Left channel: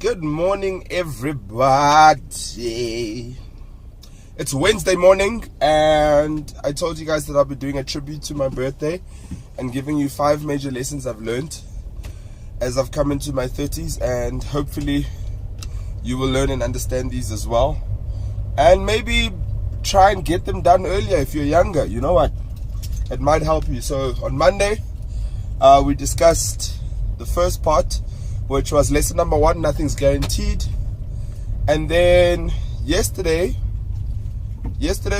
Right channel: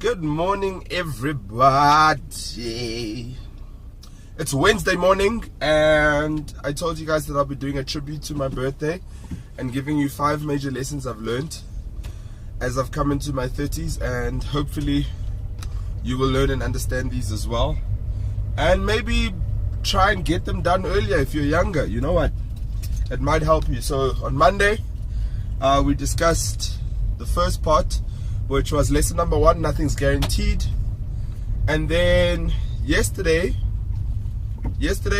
Good morning, everybody. It's Wednesday morning, and I told you guys that I'll be doing a tribute to my birthday and giving you 5 major lessons I've learned as I've come into my 30s, and hopefully you will learn and understand these as well, and maybe try and get them done earlier if you're younger. You know what? It might help you. So on Monday, we discussed the first part, which was lesson number 1, nothing's guaranteed. And then yesterday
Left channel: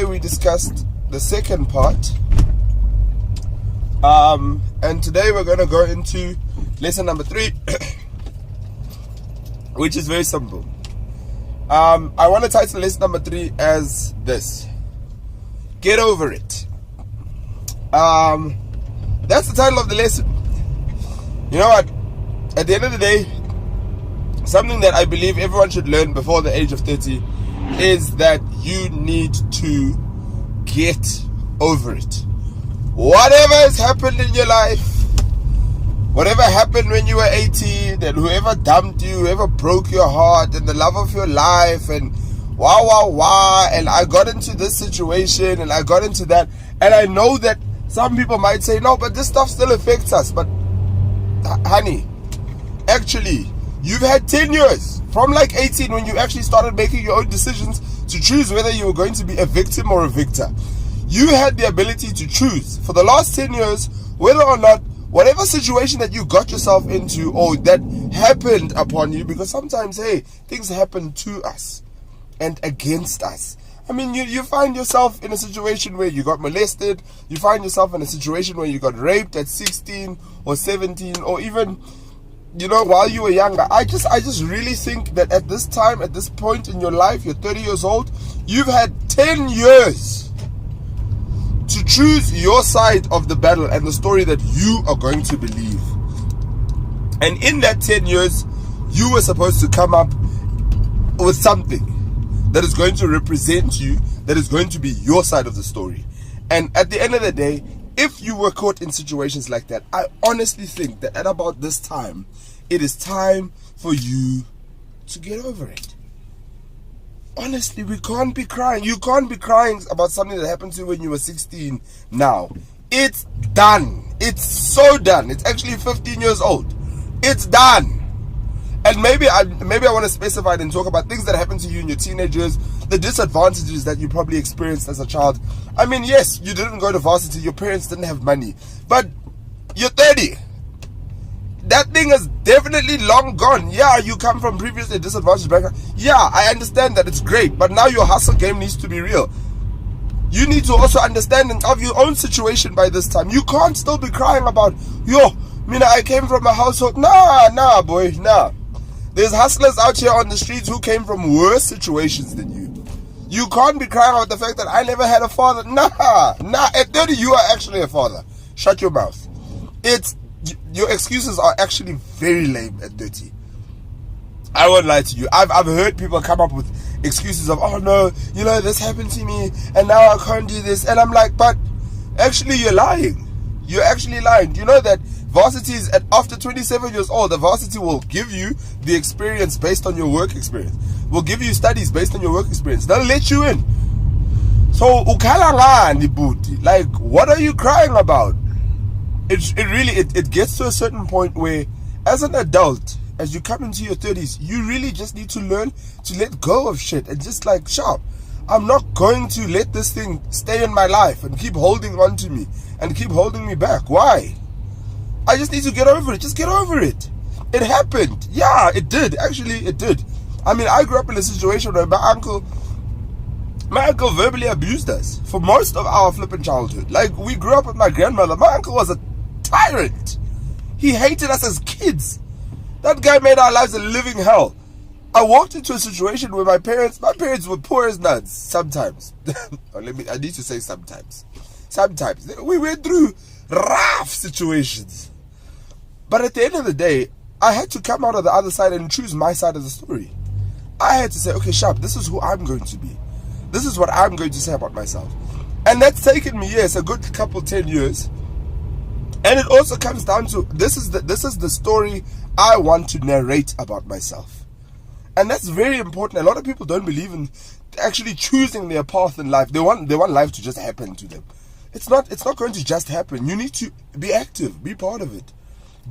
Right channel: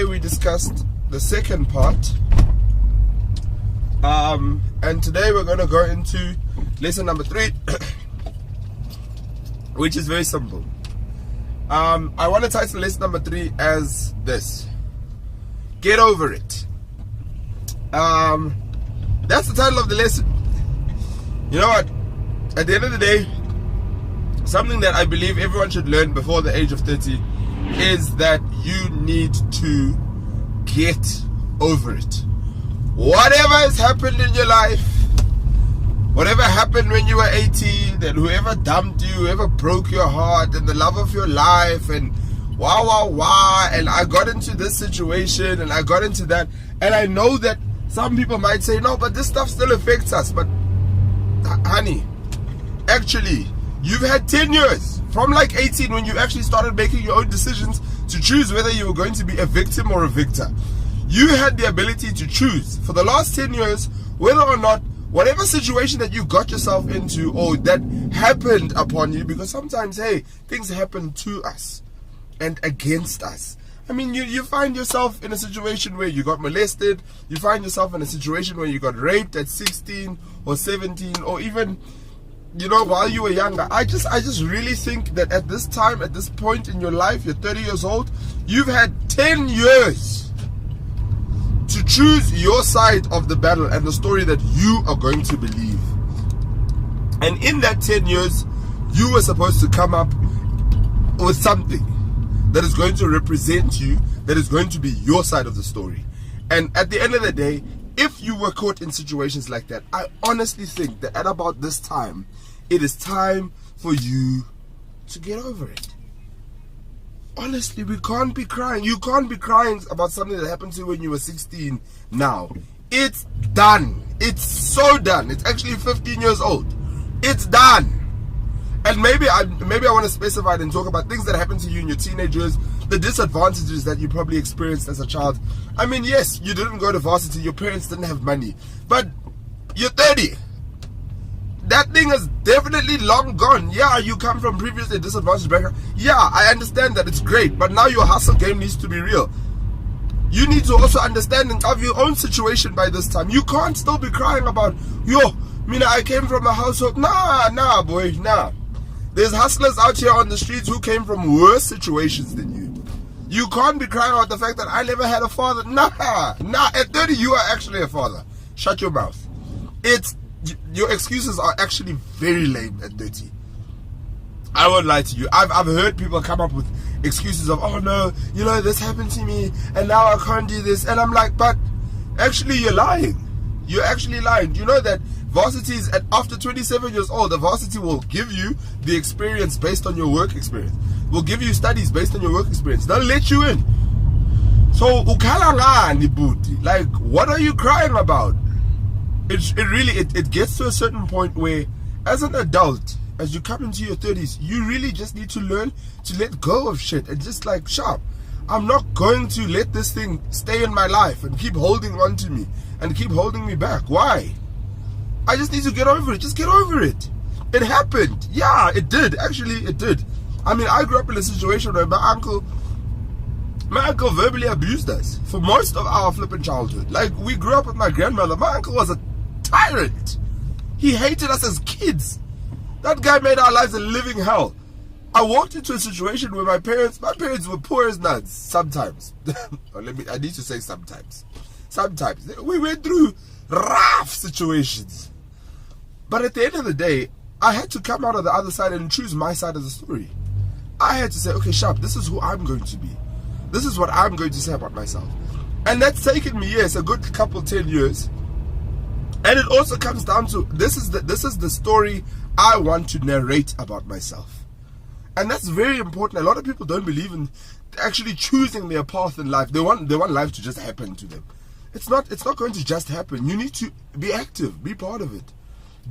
we discussed the second part. And today we're going to go into lesson number 3, which is very simple. I want to title lesson number 3 as this: get over it. That's the title of the lesson. You know what? At the end of the day, something that I believe everyone should learn before the age of 30 is that you need to get over it. Whatever has happened in your life, whatever happened when you were 18, and whoever dumped you, whoever broke your heart, and the love of your life, and wow, and I got into this situation, and I got into that, and I know that some people might say, no, but this stuff still affects us. But honey, actually, you've had 10 years from like 18 when you actually started making your own decisions to choose whether you were going to be a victim or a victor. You had the ability to choose for the last 10 years whether or not whatever situation that you got yourself into or that happened upon you, because sometimes, hey, things happen to us and against us. I mean, you find yourself in a situation where you got molested, you find yourself in a situation where you got raped at 16 or 17, or even, you know, while you were younger. I just really think that at this time, at this point in your life, you're 30 years old, you've had 10 years to choose your side of the battle and the story that you are going to believe. And in that 10 years, you were supposed to come up with something that is going to represent you, that is going to be your side of the story. And at the end of the day, if you were caught in situations like that, I honestly think that at about this time, it is time for you to get over it. Honestly, we can't be crying. You can't be crying about something that happened to you when you were 16 now. It's done. It's so done. It's actually 15 years old. It's done. And maybe I want to specify and talk about things that happened to you in your teenage years, the disadvantages that you probably experienced as a child. I mean, yes, you didn't go to varsity, your parents didn't have money, but you're 30. That thing is definitely long gone. Yeah, you come from previously disadvantaged background. Yeah, I understand that, it's great, but now your hustle game needs to be real. You need to also understand and have your own situation by this time. You can't still be crying about, I came from a household. Nah, boy, nah. There's hustlers out here on the streets who came from worse situations than you. You can't be crying about the fact that I never had a father. Nah. At 30, you are actually a father. Shut your mouth. Your excuses are actually very lame at 30. I won't lie to you. I've heard people come up with excuses of, oh no, this happened to me, and now I can't do this. And I'm like, but actually you're lying. You're actually lying. You know that varsity is after 27 years old, the varsity will give you the experience based on your work experience. Will give you studies based on your work experience. They'll let you in. So, like, what are you crying about? It gets to a certain point where, as an adult, as you come into your 30s, you really just need to learn to let go of shit and just like, sharp. I'm not going to let this thing stay in my life and keep holding on to me and keep holding me back. Why? I just need to get over it. Just get over it. It happened. Yeah, it did. Actually, it did. I mean, I grew up in a situation where my uncle verbally abused us for most of our flipping childhood. Like, we grew up with my grandmother. My uncle was a tyrant. He hated us as kids. That guy made our lives a living hell. I walked into a situation where my parents were poor as nuts sometimes. I need to say sometimes. Sometimes. We went through rough situations. But at the end of the day, I had to come out of the other side and choose my side of the story. I had to say, okay, sharp, this is who I'm going to be. This is what I'm going to say about myself. And that's taken me, yes, a good couple 10 years. And it also comes down to, this is the story I want to narrate about myself. And that's very important. A lot of people don't believe in actually choosing their path in life. They want life to just happen to them. It's not going to just happen. You need to be active, be part of it.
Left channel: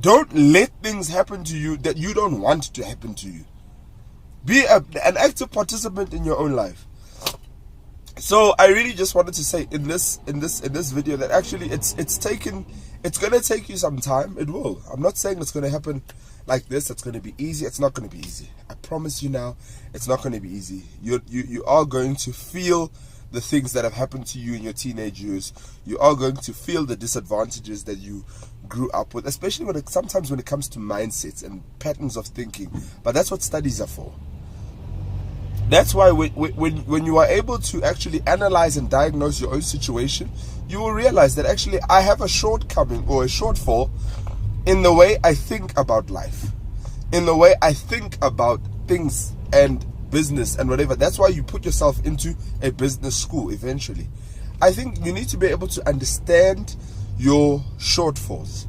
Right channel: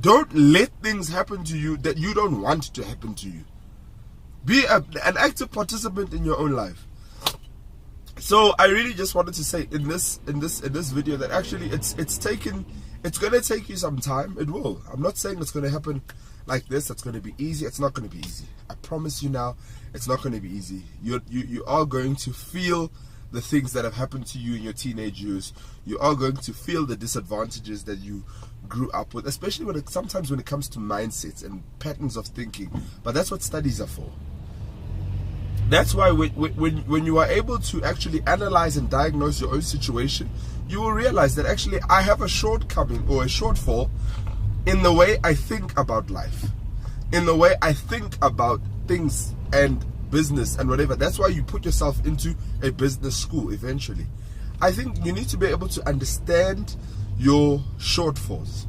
Don't let things happen to you that you don't want to happen to you. Be an active participant in your own life. So I really just wanted to say in this video that actually it's going to take you some time. It will. I'm not saying it's going to happen like this. It's going to be easy. It's not going to be easy. I promise you now, it's not going to be easy. You are going to feel the things that have happened to you in your teenage years. You are going to feel the disadvantages that you grew up with, especially sometimes when it comes to mindsets and patterns of thinking. But that's what studies are for. That's why when you are able to actually analyze and diagnose your own situation, you will realize that actually I have a shortcoming or a shortfall in the way I think about life, in the way I think about things and business and whatever. That's why you put yourself into a business school eventually. I think you need to be able to understand your shortfalls,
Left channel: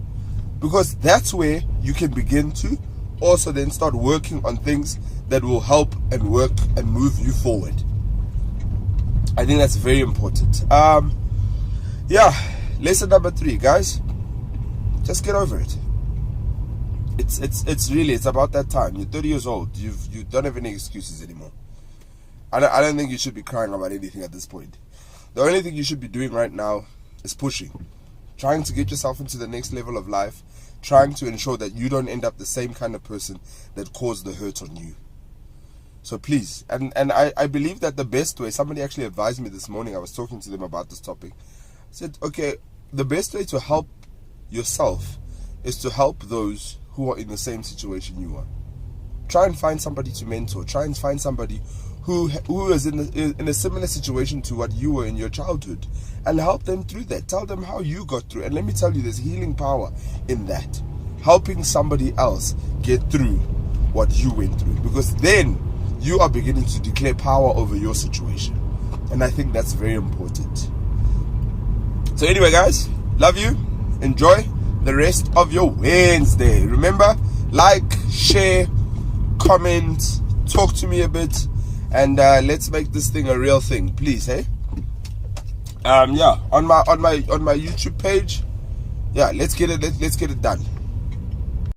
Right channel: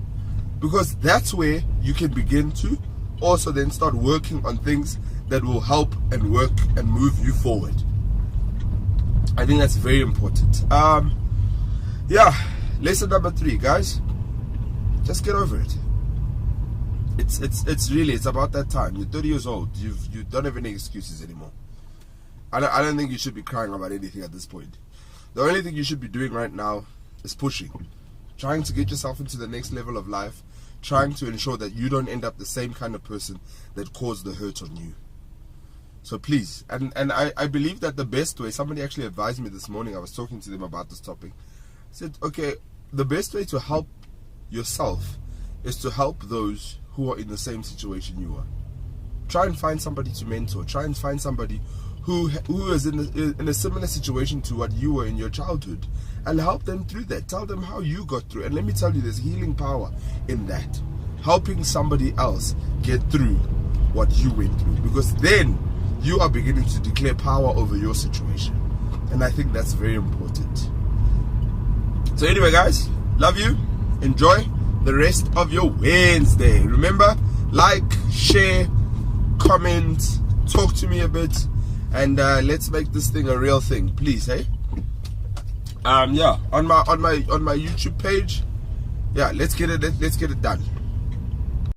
because that's where you can begin to also then start working on things that will help and work and move you forward. I think that's very important. Yeah, lesson number 3, guys. Just get over it. It's about that time. You're 30 years old. You don't have any excuses anymore. I don't think you should be crying about anything at this point. The only thing you should be doing right now is pushing, trying to get yourself into the next level of life, trying to ensure that you don't end up the same kind of person that caused the hurt on you. So please, and I believe that the best way, somebody actually advised me this morning, I was talking to them about this topic, I said, okay, the best way to help yourself is to help those who are in the same situation you are. Try and find somebody to mentor. Try and find somebody who is in a similar situation to what you were in your childhood, and help them through that. Tell them how you got through. And let me tell you, there's healing power in that. Helping somebody else get through what you went through, because then you are beginning to declare power over your situation. And I think that's very important. So anyway, guys, love you. Enjoy the rest of your Wednesday. Remember, like, share, comment, talk to me a bit, and let's make this thing a real thing, please. Hey, yeah, on my YouTube page, yeah, let's get it done.